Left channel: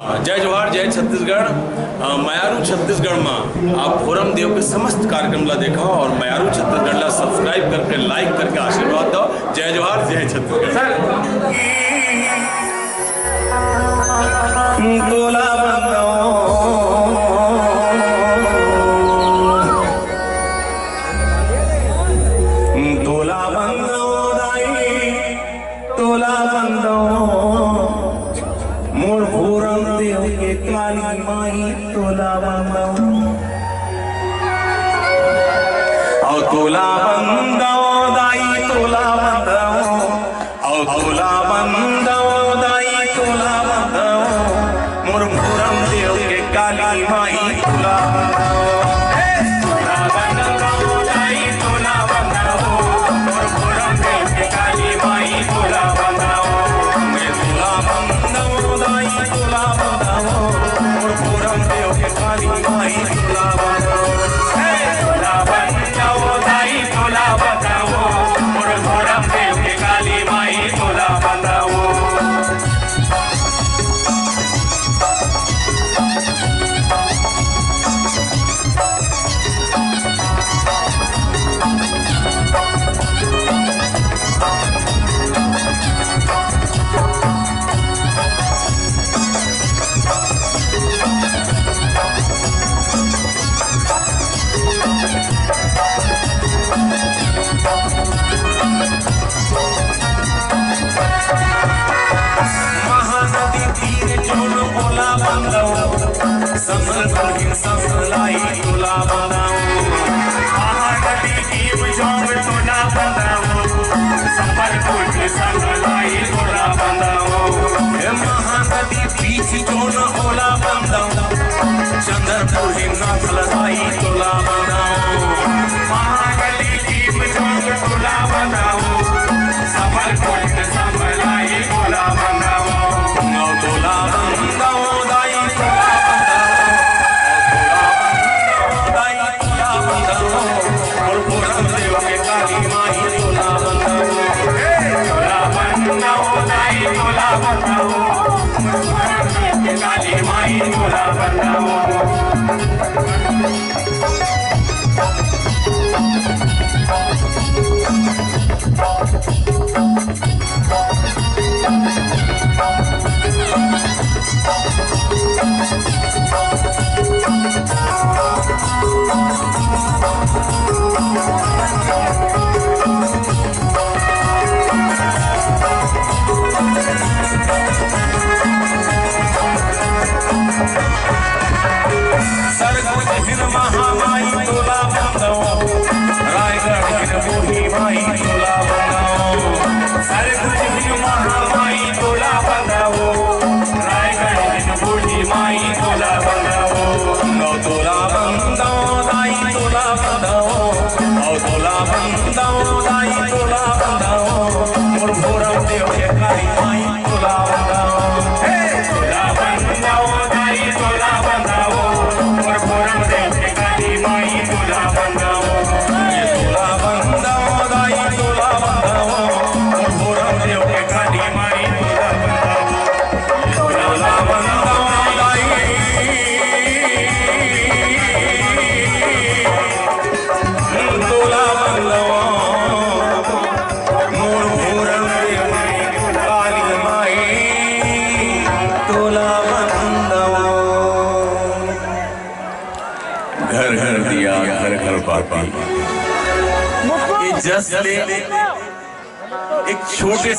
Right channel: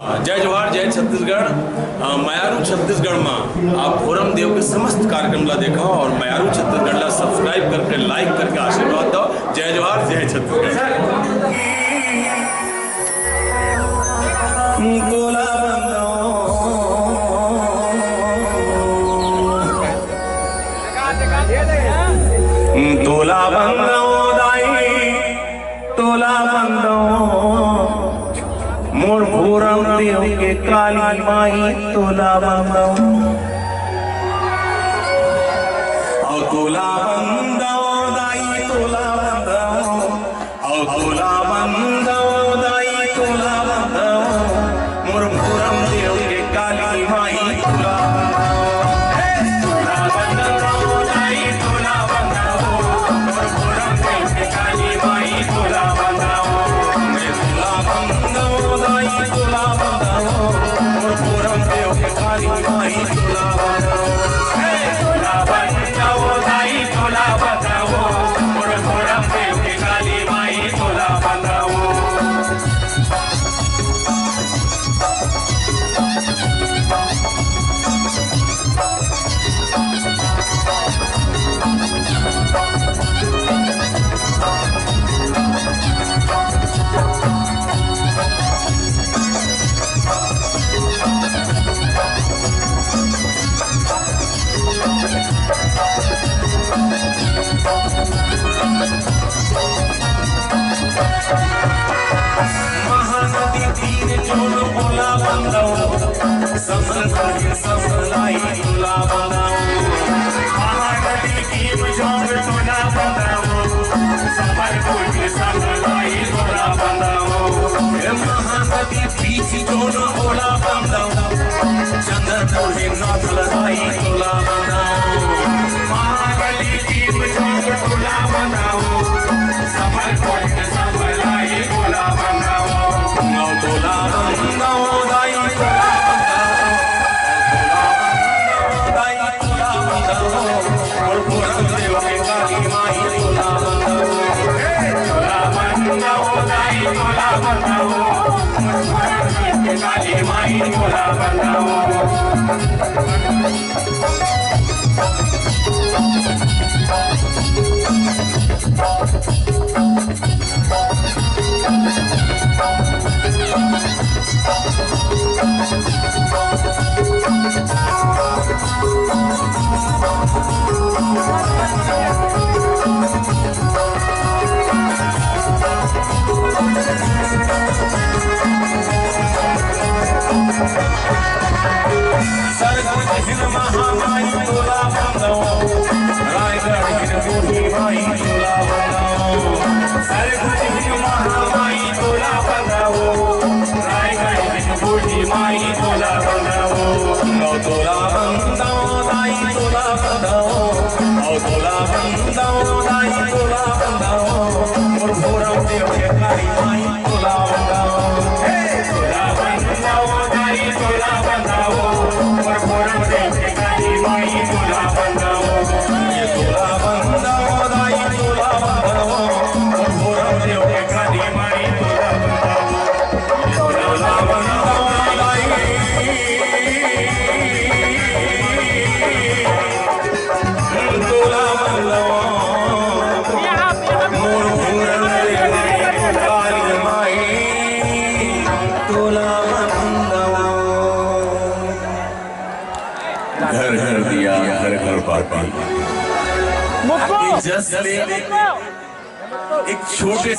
जय जोहार जय छत्तीसगढ़। मयारू छत्तीसगढ़ में आप भोरम देव के समस्त कार्यक्रम ला देखा और मयारू छत्तीसगढ़ ला सब्सक्राइब करके लाइक करके आशीर्वाद दो। जय जोहार जय छत्तीसगढ़। तोला बंदो दाई तोला बंदो मोर भोरम देव के काली माई तोला बंदो और तोला बंदो दाई तोला बंदो और तोला बंदो दाई तोला बंदो मोर भोरम देव के काली माई तोला महानदी तीर जोन बोला बंदाओ समल कोई समलाई तोला बंदाओ महानदी तीर जोन तोला बंदाओ समल कोई समलाई तोला बंदाओ महानदी बीच जोन बोला बंदाओ चंद्रपुर ही नाथ लगाई तोला बंदाओ महानदी तीर जोन तोला बंदाओ समल कोई समलाई तोला बंदाओ तोला बंदाओ दाई तोला बंदाओ दाई तोला बंदाओ और भोरम देव के काली माई तोला बंदाओ दाई तोला बंदाओ और भोरम देव के काली माई तोला बंदाओ। सरगुज हिन महामाई तोला बंदाओ रायगढ़ हिन बूढ़ी माई तोला बंदाओ सरगुज हिन महामाई तोला बंदाओ रायगढ़ हिन बूढ़ी माई तोला बंदाओ नौ तोला बंदाओ दाई तोला बंदाओ नौ तोला बंदाओ दाई तोला बंदाओ और भोरम देव के काली माई तोला बंदाओ तोला बंदाओ दाई तोला बंदाओ और भोरम देव के काली माई तोला बंदाओ तोला बंदाओ दाई तोला बंदाओ और भोरम देव के काली माई तोला बंदाओ तोला बंदाओ दाई तोला बंदाओ मोर भोरम देव के काली माई तोला बंदाओ। घर घर दिया घर घर बाती जस्ट एक छोटे